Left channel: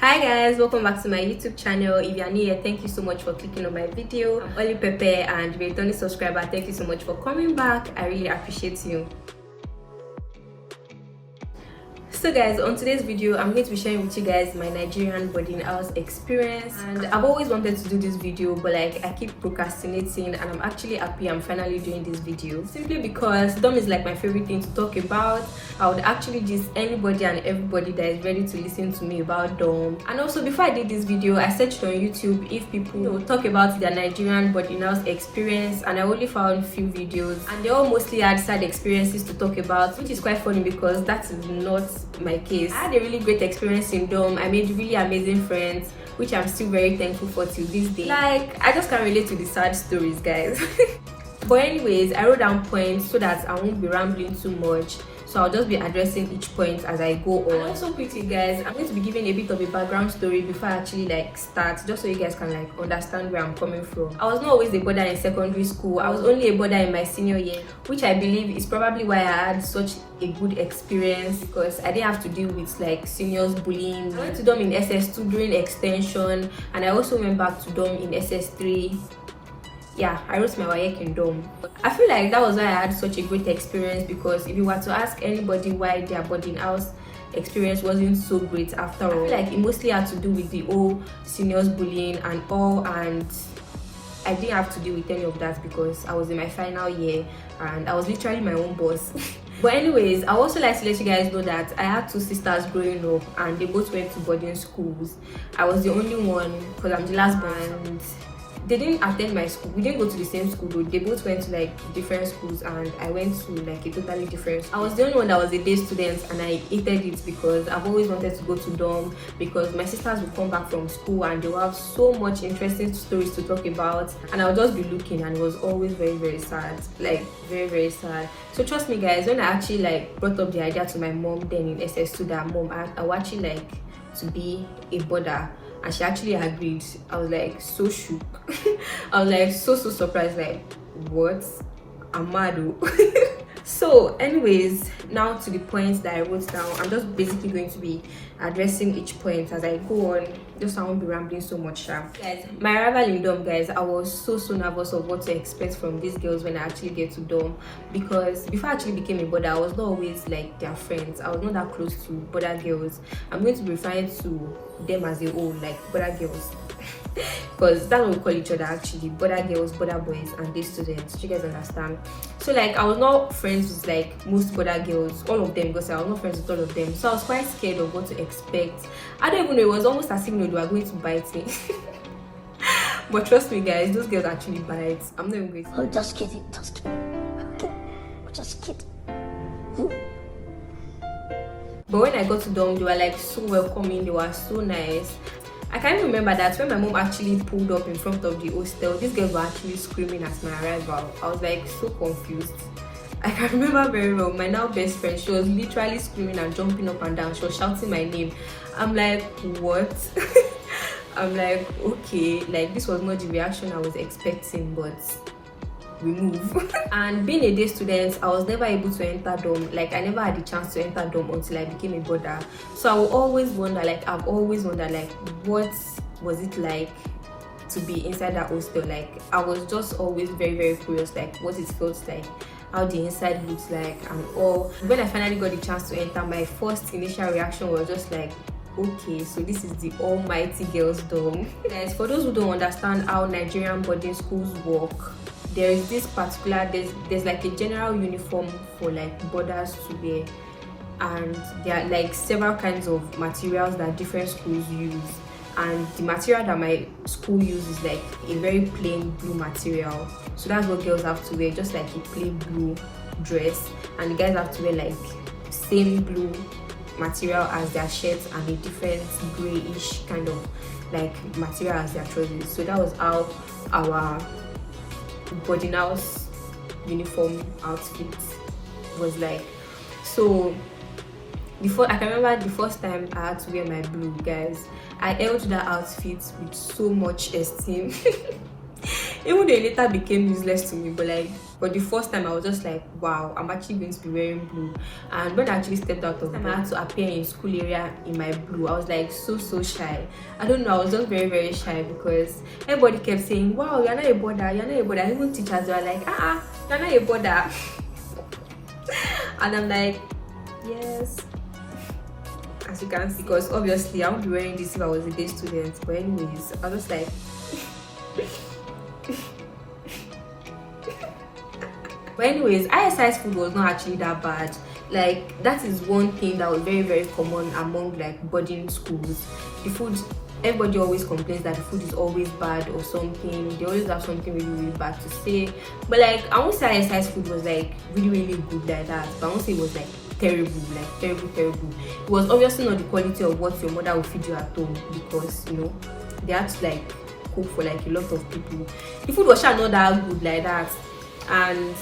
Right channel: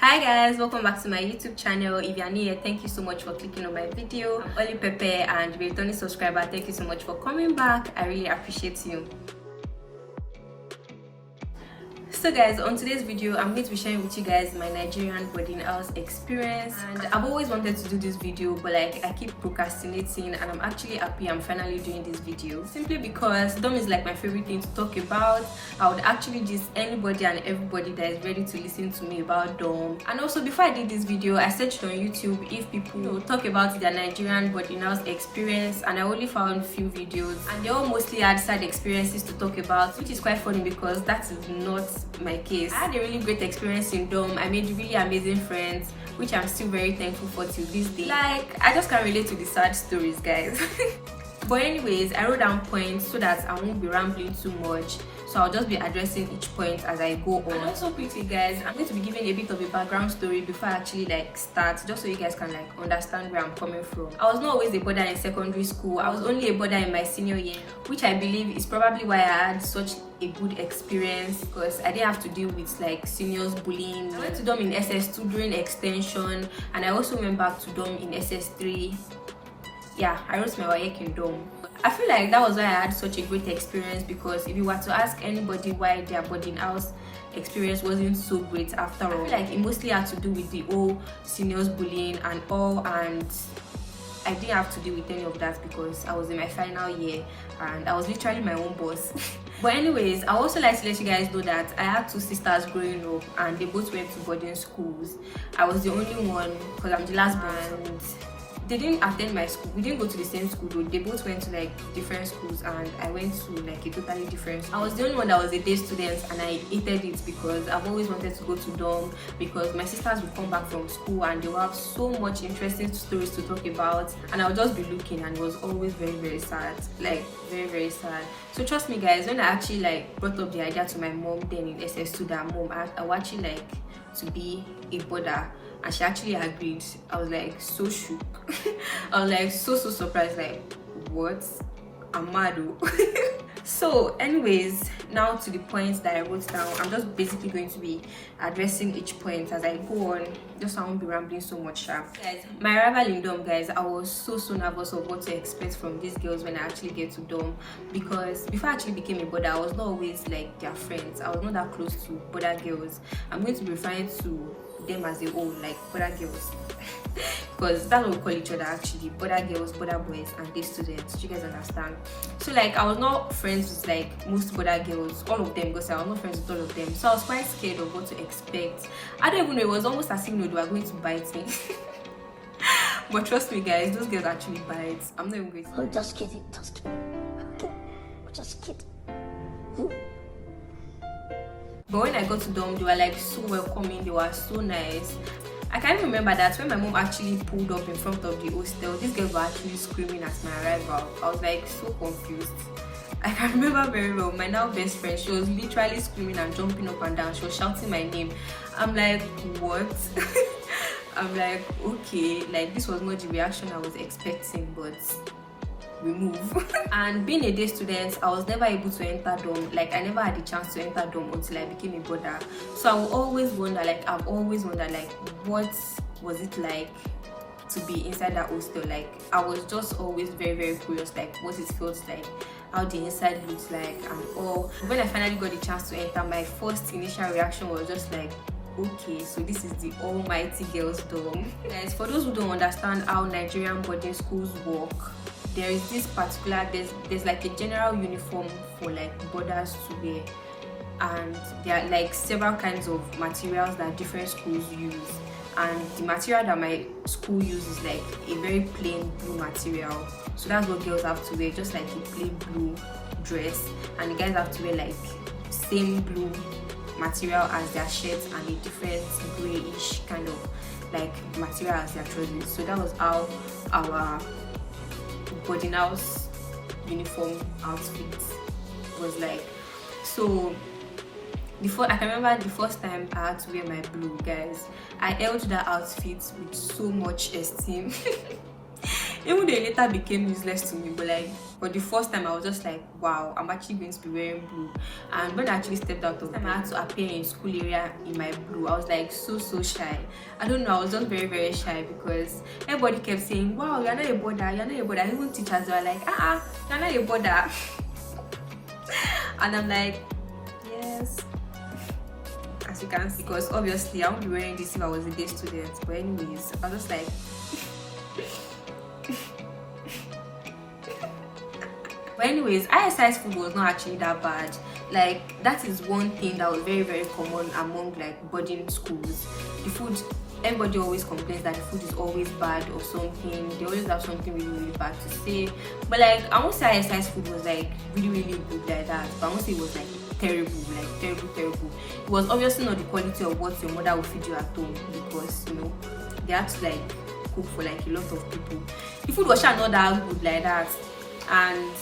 Hi guys, welcome back to my YouTube channel. If you are new here, thank you so much for clicking on my video. I'm Oli Pepe, and if you're a returning subscriber, thank you so much for coming back. I really appreciate you. So guys, on today's video I'm going to be sharing with you guys my Nigerian boarding house experience, and I've always wanted to do this video, but like I keep procrastinating, and I'm actually happy I'm finally doing this video simply because dorm is like my favorite thing to talk about. I would actually just anybody and everybody that is ready to listen to me about dorm. And also, before I did this video, I searched on YouTube if people talk about their Nigerian boarding house experience, and I only found a few videos, and they all mostly had sad experiences to talk about, which is quite funny because that is not my case. I had a really great experience in dorm. I made really amazing friends, which I'm still very thankful for till this day. Like, I just can't relate to the sad stories, guys. But anyways, I wrote down points so that I won't be rambling too much, so I'll just be addressing each point as I go on. And also quickly guys, I'm going to be giving a bit of a background story before I actually start, just so you guys can understand where I'm coming from. I was not always a boarder in secondary school. I was only a boarder in my senior year, which I believe is probably why I had such a good experience, because I didn't have to deal with seniors bullying. I went to dorm in SS2 during extension, and I also went back to dorm in SS3. Yeah, I wrote my WAEC in dorm. I feel like that was why I had such a great experience, because if you were to ask anybody why their boarding house experience wasn't so great after all, I feel like it mostly had to do with the whole seniors bullying and all, and I didn't have to deal with any of that because I was in my final year and I was literally my own boss. But anyways, I also like to let you guys know that I had two sisters growing up, and they both went to boarding schools. I was the only one because I'm the last born, and they didn't attend my school. We didn't go to the same school though. They both went to different schools, and I went to a totally different school. I was the only one that was a day student, and I hated it because I've always wanted to go to dorm, because my sisters would come back from school and they will have so much interesting stories to talk about, and I would just be looking, and it was always very sad, very sad. So trust me guys, when I actually brought up the idea to my mom then in SS2 that mom, I would actually to be a boarder, and she actually agreed, I was so shook. I was so surprised, what? I'm mad. So anyways, now to the points that I wrote down. I'm just basically going to be addressing each point as I go on, just so I won't be rambling so much. Guys, my arrival in dorm, guys, I was so nervous of what to expect from these girls when I actually get to dorm, because before I actually became a boarder, I was not always their friends. I was not that close to boarder girls. I'm going to be referring to them as a whole, boarder girls, because that's what we call each other actually, boarder girls, boarder boys, and day students. You guys understand? So I was not friends with most boarder girls, all of them, because I was not friends with all of them, so I was quite scared of what to expect. I don't even know, it was almost as if they were going to bite me. But trust me guys, those girls actually bite. I'm not even going to. Oh, just kidding, okay, just kidding. But when I got to dorm, they were so welcoming, they were so nice. I can't even remember that when my mom actually pulled up in front of the hostel, these girls were actually screaming at my arrival. I was so confused. I can remember very well. My now best friend, she was literally screaming and jumping up and down. She was shouting my name. I'm what? I'm okay, this was not the reaction I was expecting, but we move. And being a day student, I was never able to enter dorm. I never had the chance to enter dorm until I became a boarder. So I will always wonder, I've always wondered, what was it like to be inside that hostel? I was just always very curious, what it felt like, how the inside looks like, and all. When I finally got the chance to enter, my first initial reaction was just okay, so this is the almighty girls dorm. Guys, for those who don't understand how Nigerian boarding schools work, there is this particular, there's a general uniform for boarders to wear, and there are several kinds of materials that different schools use, and the material that my school uses is a very plain blue material. So that's what girls have to wear, just a plain blue dress, and the guys have to wear same blue material as their shirts, and a different grayish kind of material as their trousers. So that was how our boarding house uniform outfit was So I can remember the first time I had to wear my blue, guys. I held that outfit with so much esteem. Even though it later became useless to me, but like for the first time I was just like, wow, I'm actually going to be wearing blue. And when I actually stepped out of bed, I had to appear in school area in my blue. I was like so shy. I don't know, I was just very shy because everybody kept saying, wow, you're not a border, you're not a border. And even teachers were like, you're not a border. And I'm like, yes, as you can see, because obviously I won't be wearing this if I was a day student. But anyways, I was just like but anyways, ISI's food was not actually that bad. Like, that is one thing that was very common among like boarding schools. The food, everybody always complains that the food is always bad or something. They always have something really bad to say. But like, I won't say ISI's food was like really good like that, but I won't say it was like terrible. It was obviously not the quality of what your mother would feed you at home, because you know they had to like cook for like a lot of people. The food was not that good like that. And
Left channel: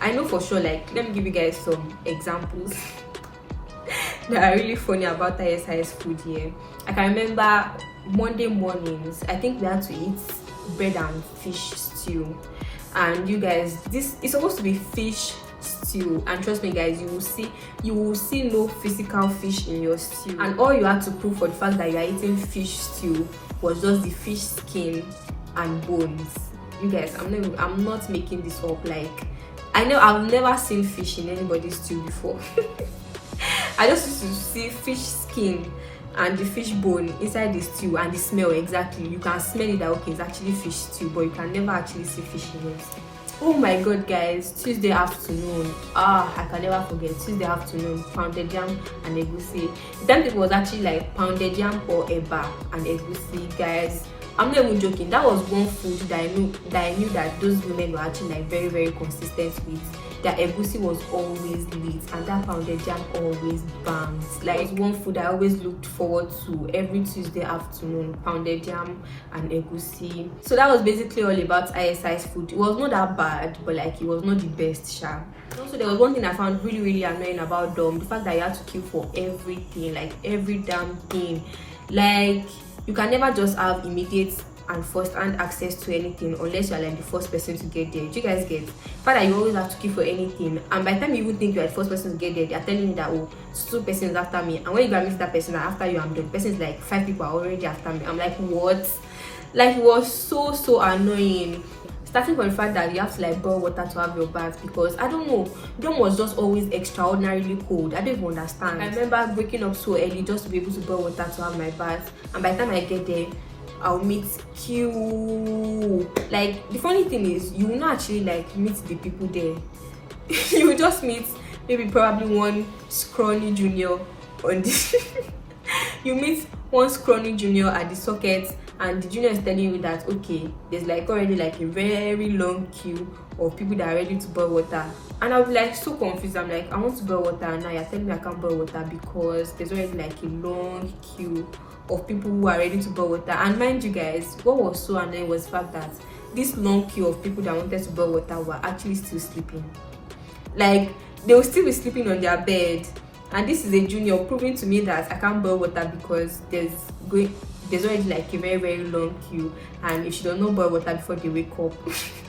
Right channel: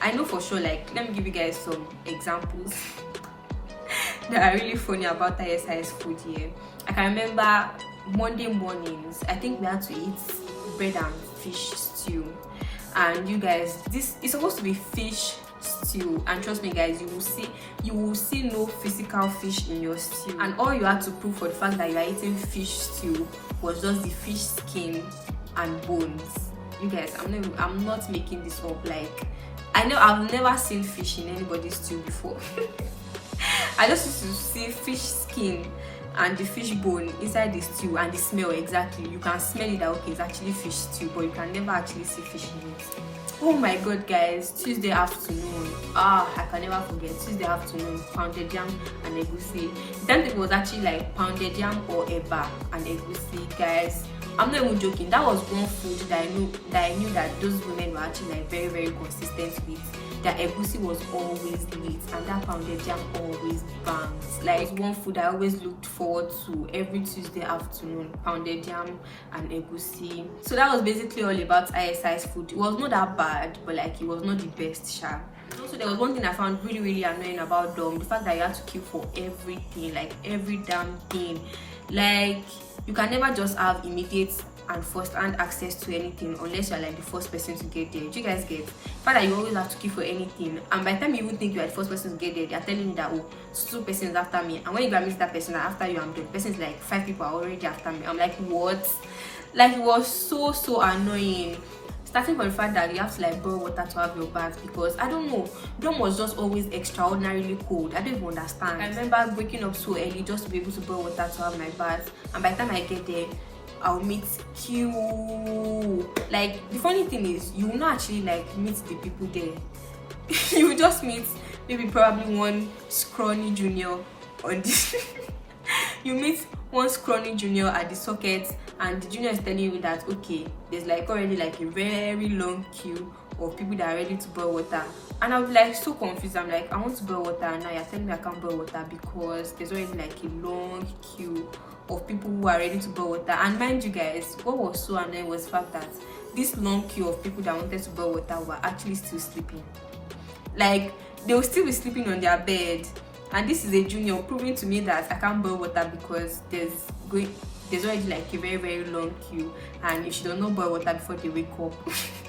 I know for sure, like, let me give you guys some examples that are really funny about ISI's food here. I can remember Monday mornings, I think we had to eat bread and fish stew. And you guys, this is supposed to be fish stew, and trust me guys, you will see no physical fish in your stew. And all you had to prove for the fact that you are eating fish stew was just the fish skin and bones. You guys, I'm not making this up. Like, I know I've never seen fish in anybody's stew before. I just used to see fish skin and the fish bone inside the stew, and the smell exactly. You can smell it that okay, it's actually fish stew, but you can never actually see fish in it. Oh my god guys, Tuesday afternoon, I can never forget Tuesday afternoon, pounded yam and egusi. The time it was actually like pounded yam or eba and egusi, guys. I'm not even joking. That was one food that I knew that those women were actually like very consistent with. Their egusi was always lit, and that pounded jam always banged. Like, it's one food I always looked forward to every Tuesday afternoon, pounded jam and egusi. So that was basically all about ISI's food. It was not that bad, but like it was not the best, sha. Also, there was one thing I found really annoying about them: the fact that you had to queue for everything, like every damn thing. Like, you can never just have immediate and first-hand access to anything unless you're like the first person to get there. Do you guys get? The fact that you always have to queue for anything, and by the time you even think you're the first person to get there, they're telling you that, oh, 2 persons after me, and when you go and meet that person, after you, I'm done. The person is like 5 people are already after me. I'm like, what? Like, it was so annoying. Starting from the fact that you have to like boil water to have your bath, because I don't know, Dom was just always extraordinarily cold. I don't even understand. I remember waking up so early just to be able to boil water to have my bath, and by the time I get there, I'll meet queue. Like, the funny thing is, you will not actually like meet the people there. You will just meet maybe probably one scrawny junior on this. You meet one scrawny junior at the socket, and the junior is telling you that okay, there's like already like a very long queue of people that are ready to boil water. And I'll be like so confused. I'm like, I want to boil water, and now you're telling me I can't boil water because there's already like a long queue of people who are ready to boil water. And mind you guys, what was so annoying was the fact that this long queue of people that wanted to boil water were actually still sleeping. Like, they will still be sleeping on their bed, and this is a junior proving to me that I can't boil water because there's already like a very long queue, and if she does not boil water before they wake up,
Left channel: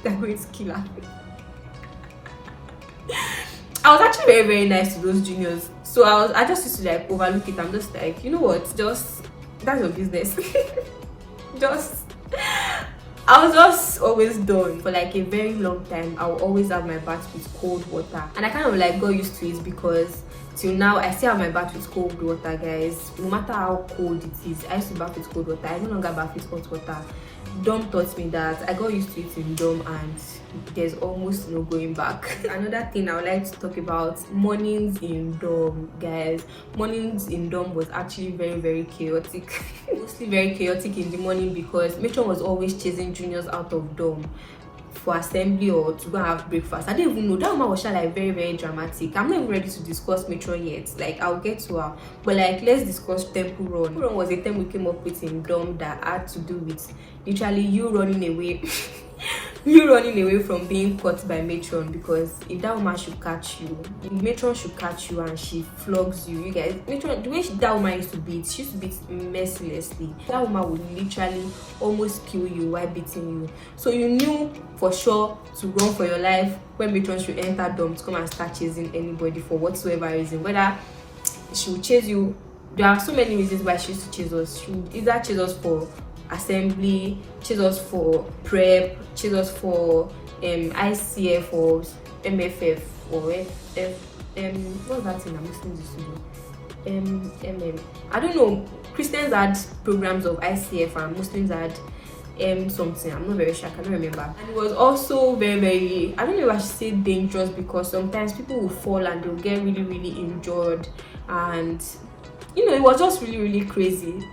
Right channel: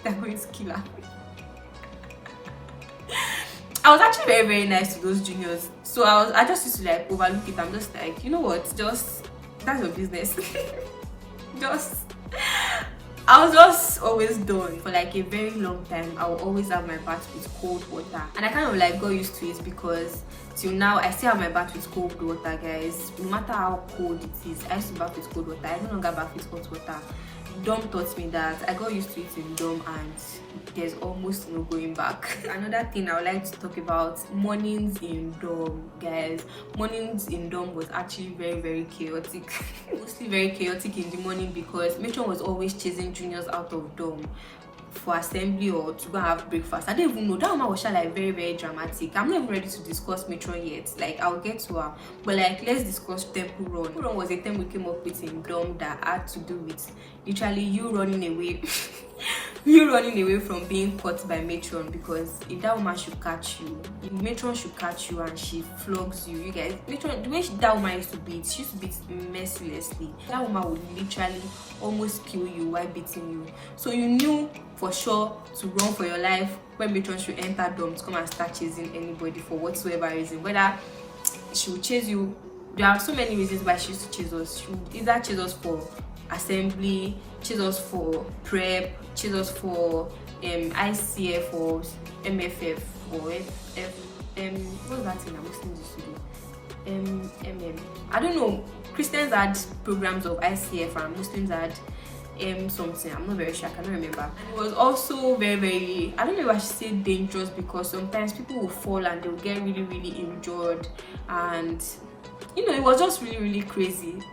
they're going to kill her. I was actually very nice to those juniors, so I just used to like overlook it. I'm just like, you know what, just that's your business. I was just always done. For like a very long time, I will always have my bath with cold water, and I kind of like got used to it because till now I still have my bath with cold water, guys. No matter how cold it is, I used to bath with cold water. I no longer bath with hot water. Dom taught me that. I got used to it in Dom, and there's almost no going back. Another thing I would like to talk about, mornings in Dom, guys. Mornings in Dom was actually very chaotic. Mostly very chaotic in the morning because matron was always chasing juniors out of Dom for assembly or to go and have breakfast. I didn't even know that woman was like very dramatic. I'm not even ready to discuss matron yet. Like, I'll get to her, but like, let's discuss temple run. Temple run was a term we came up with in Dom that had to do with literally you running away you running away from being caught by matron, because if that woman should catch you, if matron should catch you and she flogs you, you guys, matron, the way that woman used to beat, she used to beat mercilessly. That woman would literally almost kill you while beating you. So you knew for sure to run for your life when matron should enter dorm to come and start chasing anybody for whatsoever reason, whether she would chase you. There are so many reasons why she used to chase us. She would either chase us for assembly, chase us for prep, chase us for ICF or MFF or what's that thing that Muslims used to do? I don't know. Christians had programs of ICF and Muslims had something. I'm not very sure, I cannot remember. And it was also very, very, I don't know if I should say dangerous, because sometimes people will fall and they'll get really, really injured, and you know, it was just really, really crazy.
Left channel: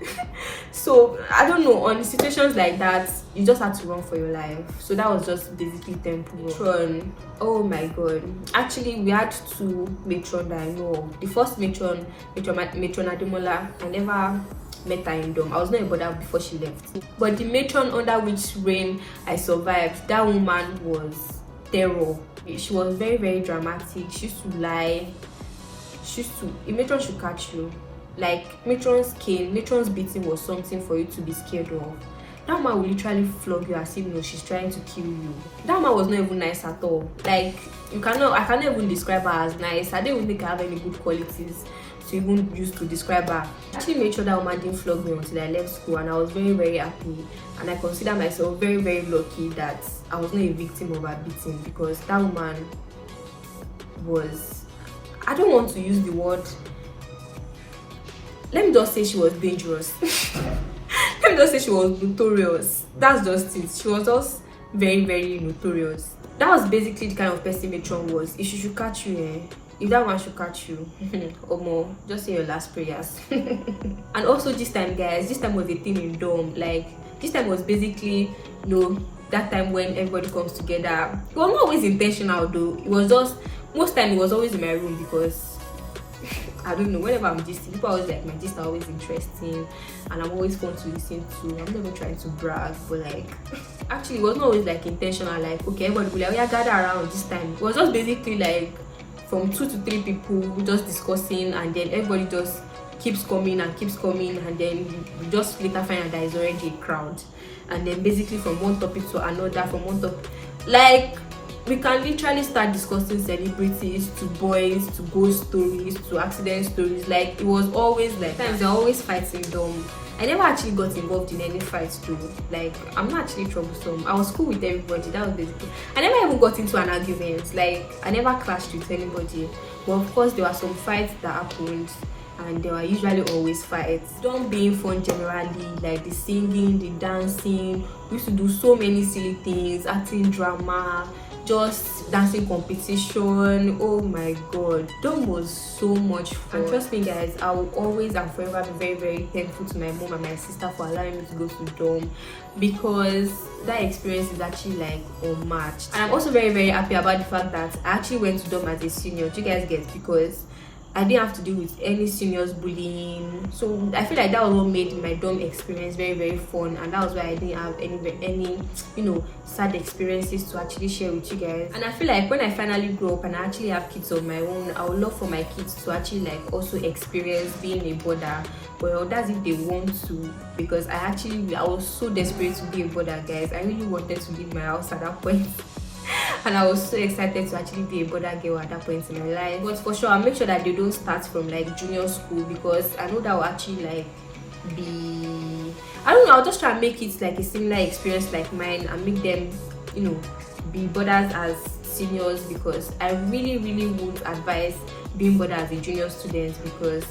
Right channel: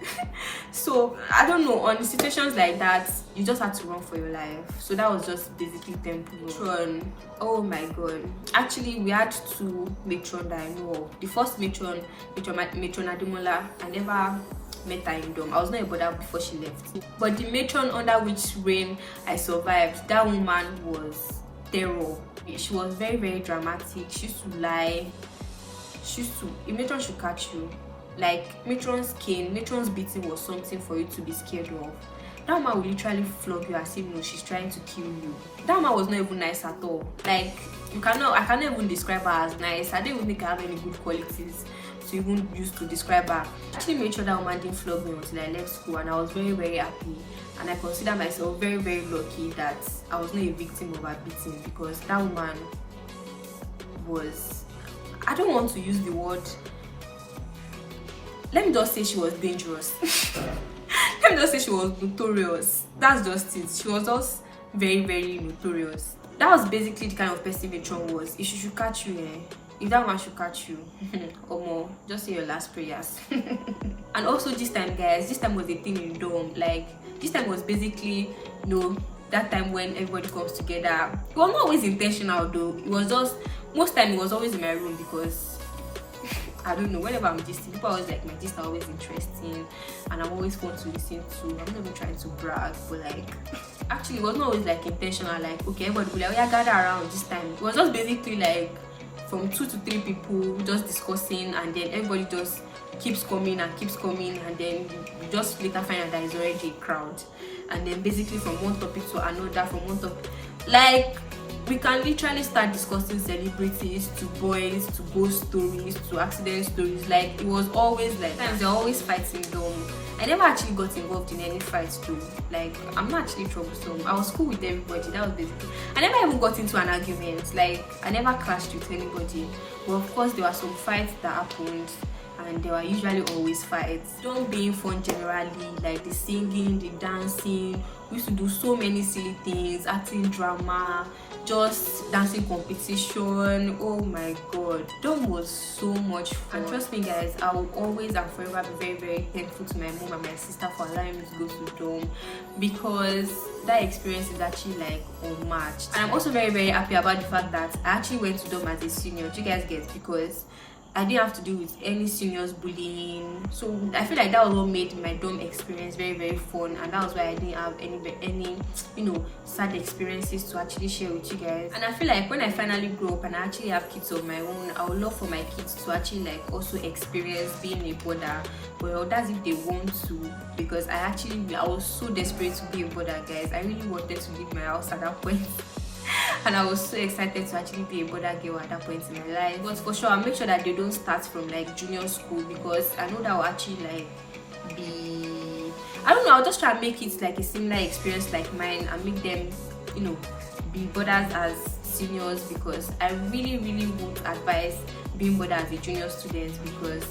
So I don't know, on situations like that, you just had to run for your life. So that was just basically temple. Matron, oh my god, actually we had two matron that I know of. The first matron Ademola, I never met her in dorm. I was not a bother before she left, but the matron under which reign I survived, that woman was terror. She was very, very dramatic. She used to lie. A matron should catch you. Like, matron's cane, matron's beating was something for you to be scared of. That woman will literally flog you as if, you know, she's trying to kill you. That woman was not even nice at all. Like, I cannot even describe her as nice. I don't even think I have any good qualities to even use to describe her. I actually made sure that woman didn't flog me until I left school, and I was very, very happy. And I consider myself very, very lucky that I was not a victim of her beating, because that woman was, I don't want to use the word, let me just say she was dangerous. Let me just say she was notorious. That's just it. She was just very, very notorious. That was basically the kind of person matron was. If she should catch you, if that one should catch you, or more, just say your last prayers. And also this time, guys, this time was a thing in dorm. Like, this time was basically, you know, that time when everybody comes together. It was not always intentional though. It was just, most time it was always in my room, because I don't know, whenever I'm gisting, people are always like, my gist are always interesting and I'm always fun to listen to. I'm never trying to brag, but like, actually it was not always like intentional, like, okay, everybody will be like, oh yeah, gather around this time. It was just basically like from 2 to 3 people just discussing, and then everybody just keeps coming, and then you just later find out that it's already a crowd. And then basically from one topic to another, from one topic, like, we can literally start discussing celebrities, to boys, to ghost stories, to accident stories. Like, it was always like, sometimes they're always fighting them. I never actually got involved in any fights too. Like, I'm not actually troublesome. I was cool with everybody. That was basically, I never even got into an argument. Like, I never clashed with anybody. But of course there were some fights that happened, and there were usually always fights. Don't being fun generally, like the singing, the dancing. We used to do so many silly things, acting drama, just dancing competition. Oh my god, dorm was so much fun. And trust me guys, I will always and forever be very, very thankful to my mom and my sister for allowing me to go to dorm, because that experience is actually like unmatched. And I'm also very, very happy about the fact that I actually went to dorm as a senior. Do you guys get? Because I didn't have to deal with any seniors bullying. So I feel like that was what made my dorm experience very, very fun, and that was why I didn't have any you know, sad experiences to actually share with you guys. And I feel like when I finally grow up and I actually have kids of my own, I would love for my kids to actually like also experience being a border. Well, that's if they want to, because I was so desperate to be a border, guys. I really wanted to leave my house at that point. And I was so excited to actually be a border girl at that point in my life. But for sure, I'll make sure that they don't start from like junior school, because I know that will actually like be, I don't know, I'll just try and make it like a similar experience like mine, and make them, you know, be boarders as seniors, because I really, really would advise being boarded as a junior student, because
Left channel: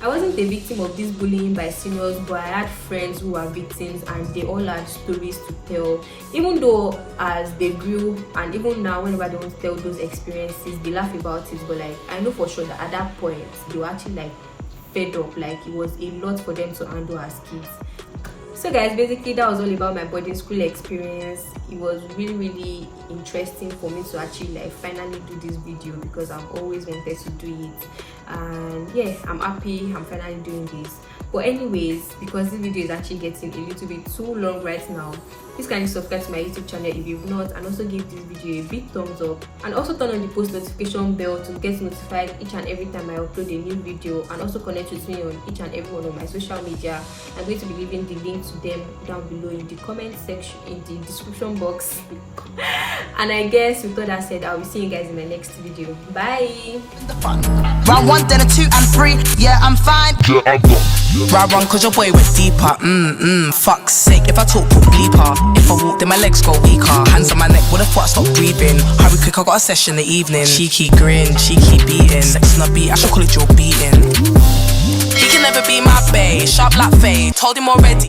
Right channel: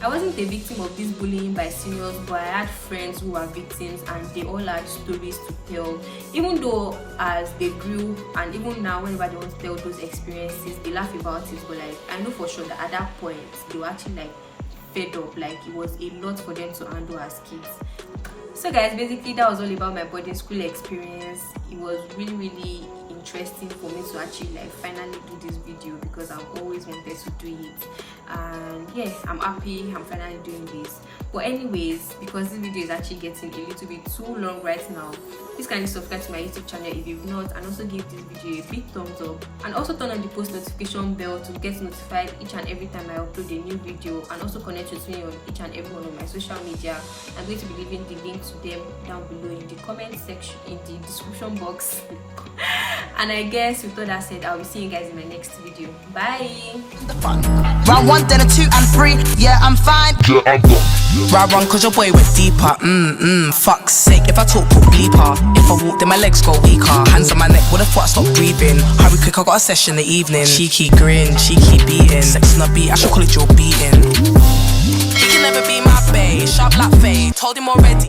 I wasn't a victim of this bullying by seniors, but I had friends who were victims, and they all had stories to tell. Even though as they grew, and even now whenever they want to tell those experiences, they laugh about it, but like, I know for sure that at that point they were actually like fed up. Like, it was a lot for them to handle as kids. So guys, basically that was all about my boarding school experience. it was really interesting for me to actually like finally do this video, because I've always wanted to do it. And yeah, I'm happy I'm finally doing this. But anyways, because this video is actually getting a little bit too long right now, please kindly subscribe to my YouTube channel if you've not, and also give this video a big thumbs up, and also turn on the post notification bell to get notified each and every time I upload a new video, and also connect with me on each and every one of my social media. I'm going to be leaving the link to them down below in the comment section, in the description box. And I guess with all that said, I will see you guys in my next video. Bye. Round 1, then a 2 and 3. Yeah, I'm fine. Round 1, cause your boy went deeper. Fuck's sake, if I talk, put bleeper. If I walk, then my legs go weaker. Hands on my neck, what the fuck, stop breathing. Hurry quick, I got a session in the evening. Cheeky grin, cheeky beating. Sex on the beat, I should call it your beating. He can never be my bae, sharp like Faye, told him already.